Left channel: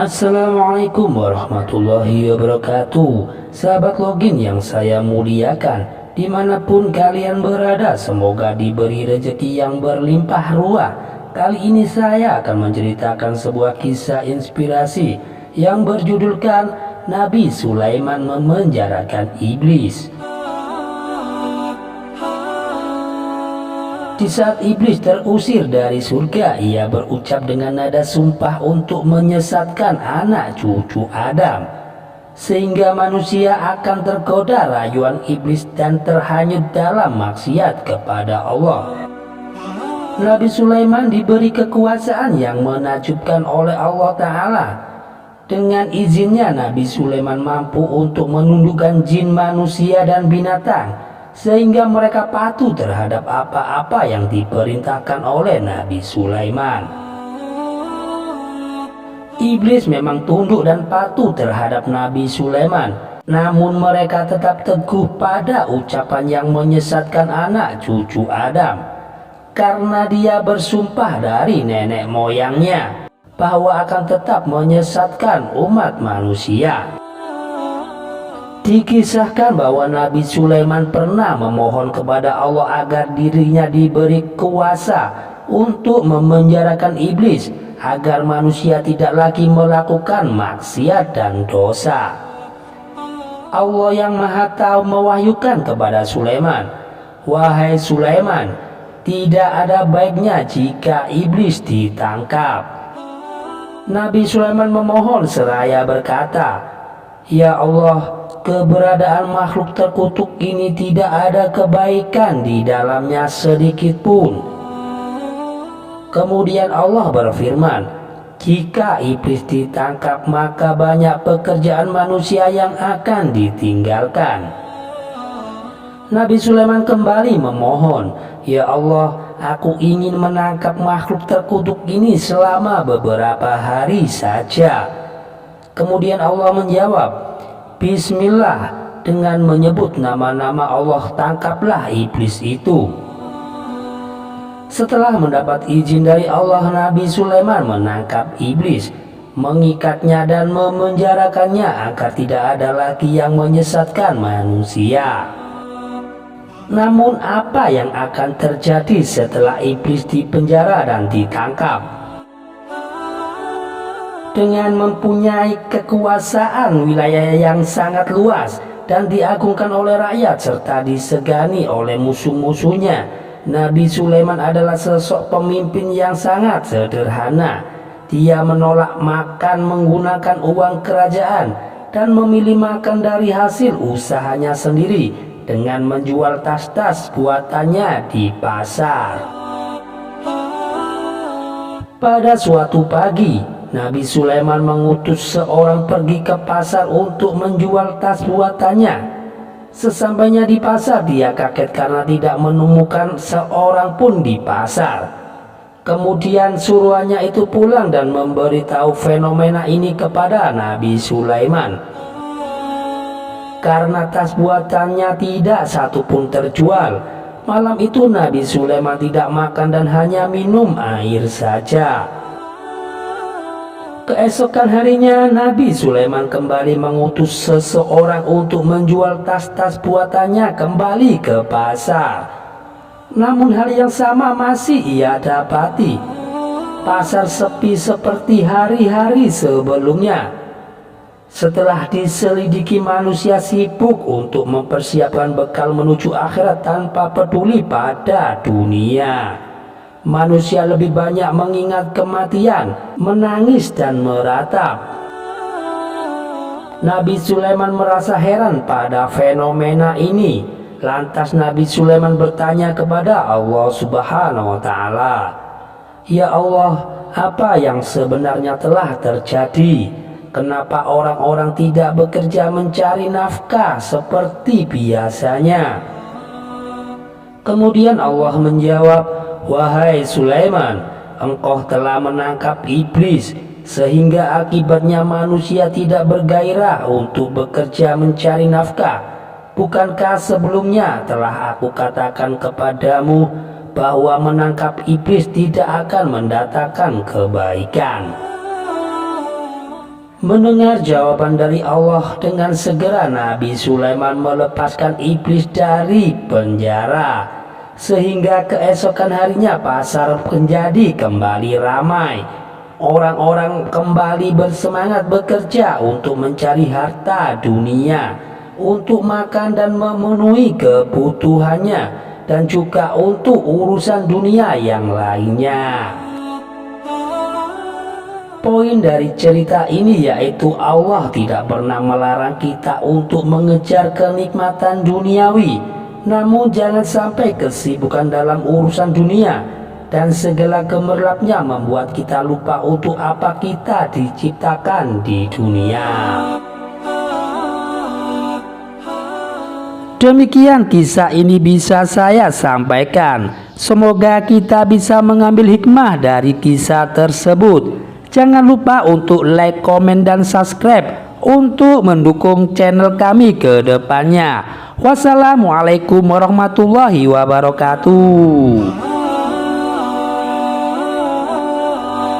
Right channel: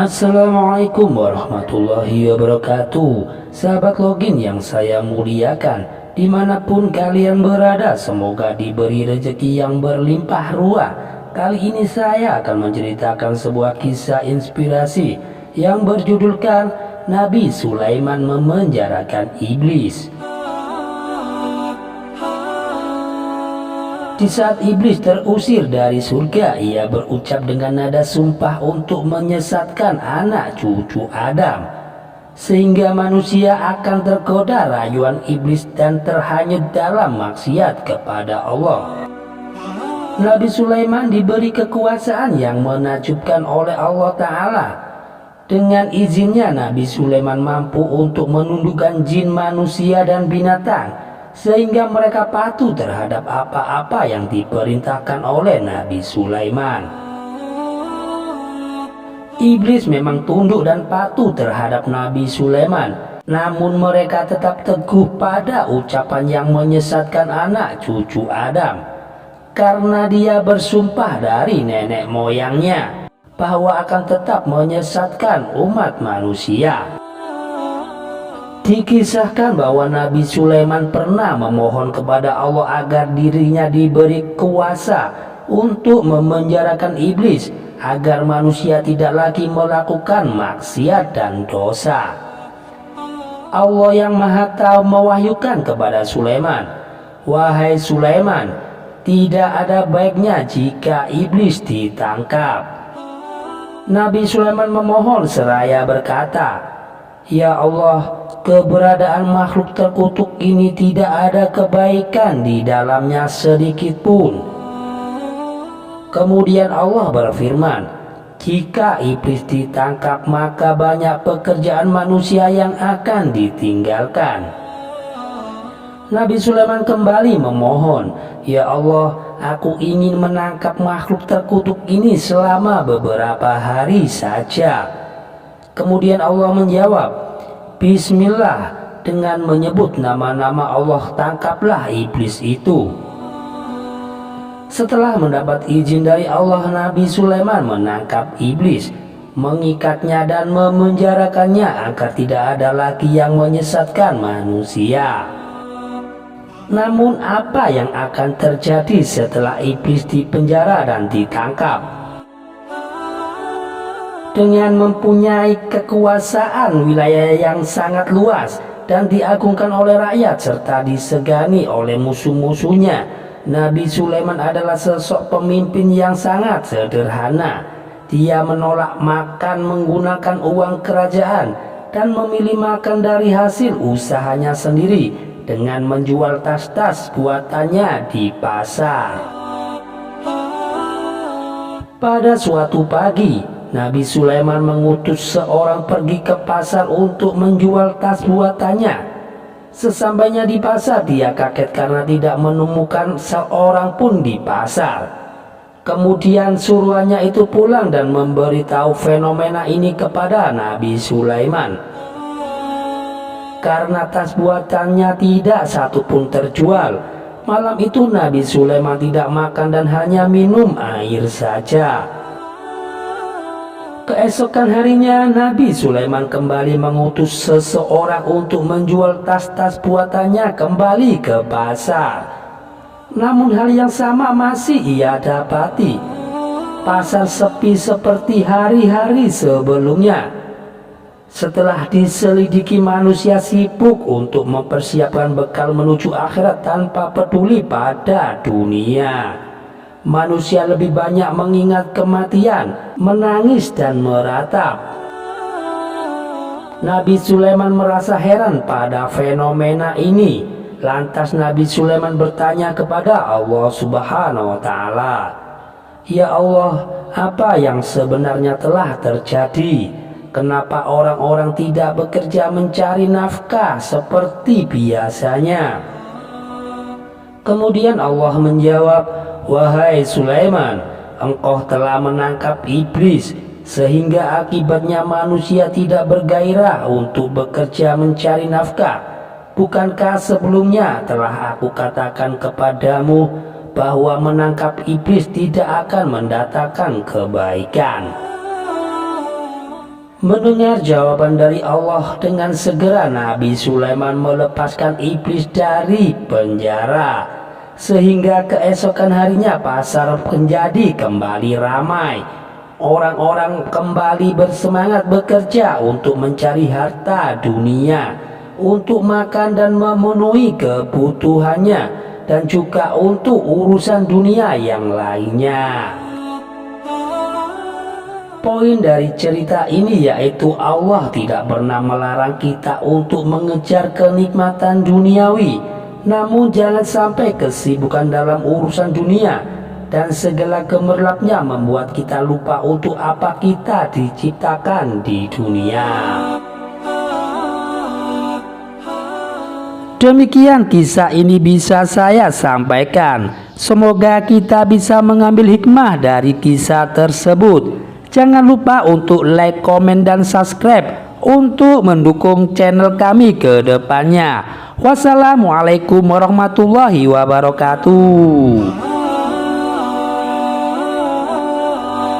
Assalamualaikum warahmatullahi wabarakatuh. Sahabat login yang saya muliakan, dimanapun kalian berada, semoga diberi rezeki yang berlimpah ruah. Kali ini saya akan menceritakan sebuah kisah inspirasi yang berjudulkan Nabi Sulaiman memenjarakan iblis. Di saat iblis terusir dari surga, ia berucap dengan nada sumpah untuk menyesatkan anak cucu Adam, sehingga manusia akan tergoda rayuan iblis dan terhanyut dalam maksiat kepada Allah. Nabi Sulaiman diberi kekuasaan yang menakjubkan oleh Allah Ta'ala. Dengan izinnya, Nabi Sulaiman mampu untuk menundukkan jin, manusia, dan binatang, sehingga mereka patuh terhadap apa-apa yang diperintahkan oleh Nabi Sulaiman. Iblis memang tunduk dan patuh terhadap Nabi Sulaiman, namun mereka tetap teguh pada ucapan yang menyesatkan anak cucu Adam, karena dia bersumpah dari nenek moyangnya bahwa akan tetap menyesatkan umat manusia. Dikisahkan bahwa Nabi Sulaiman pernah memohon kepada Allah agar dirinya diberi kuasa untuk memenjarakan iblis, agar manusia tidak lagi melakukan maksiat dan dosa. Allah yang Maha Tahu mewahyukan kepada Sulaiman, "Wahai Sulaiman, tidak ada baiknya jika iblis ditangkap." Nabi Sulaiman memohon seraya berkata, "Ya Allah, keberadaan makhluk terkutuk ini tidak ada kebaikan di dalamnya sedikit pun." Kemudian Allah berfirman, "Jika iblis ditangkap, maka banyak pekerjaan manusia yang akan ditinggalkan." Nabi Sulaiman kembali memohon, "Ya Allah, aku ingin menangkap makhluk terkutuk ini selama beberapa hari saja." Kemudian Allah menjawab, "Bismillah, dengan menyebut nama-nama Allah tangkaplah iblis itu." Setelah mendapat izin dari Allah, Nabi Sulaiman menangkap iblis, mengikatnya dan memenjarakannya agar tidak ada lagi yang menyesatkan manusia. Namun apa yang akan terjadi setelah iblis dipenjara dan ditangkap? Dengan mempunyai kekuasaan wilayah yang sangat luas dan diagungkan oleh rakyat serta disegani oleh musuh-musuhnya, Nabi Sulaiman adalah sosok pemimpin yang sangat sederhana. Dia menolak makan menggunakan uang kerajaan dan memilih makan dari hasil usahanya sendiri dengan menjual tas-tas buatannya di pasar. Pada suatu pagi, Nabi Sulaiman mengutus seorang pergi ke pasar untuk menjual tas buatannya. Sesampainya di pasar, dia kaget karena tidak menemukan seorang pun di pasar. Kemudian suruhannya itu pulang dan memberitahu fenomena ini kepada Nabi Sulaiman. Karena tas buatannya tidak satu pun terjual, malam itu Nabi Sulaiman tidak makan dan hanya minum air saja. Keesokan harinya, Nabi Sulaiman kembali mengutus seseorang untuk menjual tas-tas buatannya kembali ke pasar. Namun hal yang sama masih ia dapati. Pasar sepi seperti hari-hari sebelumnya. Setelah diselidiki, manusia sibuk untuk mempersiapkan bekal menuju akhirat tanpa peduli pada dunia. Manusia lebih banyak mengingat kematian, menangis dan meratap. Nabi Sulaiman merasa heran pada fenomena ini. Lantas Nabi Sulaiman bertanya kepada Allah Subhanahu wa Ta'ala, "Ya Allah, apa yang sebenarnya telah terjadi? Kenapa orang-orang tidak bekerja mencari nafkah seperti biasanya?" Kemudian Allah menjawab, "Wahai Sulaiman, engkau telah menangkap iblis, sehingga akibatnya manusia tidak bergairah untuk bekerja mencari nafkah. Bukankah sebelumnya telah aku katakan kepadamu bahwa menangkap iblis tidak akan mendatangkan kebaikan?" Mendengar jawaban dari Allah, dengan segera Nabi Sulaiman melepaskan iblis dari penjara, sehingga keesokan harinya pasar menjadi kembali ramai. Orang-orang kembali bersemangat bekerja untuk mencari harta dunia, untuk makan dan memenuhi kebutuhannya, dan juga untuk urusan dunia yang lainnya. Poin dari cerita ini yaitu Allah tidak pernah melarang kita untuk mengejar kenikmatan duniawi, namun jangan sampai kesibukan dalam urusan dunia dan segala gemerlapnya membuat kita lupa untuk apa kita diciptakan di dunia. Demikian kisah ini bisa saya sampaikan. Semoga kita bisa mengambil hikmah dari kisah tersebut. Jangan lupa untuk like, komen, dan subscribe untuk mendukung channel kami ke depannya. Wassalamualaikum warahmatullahi wabarakatuh.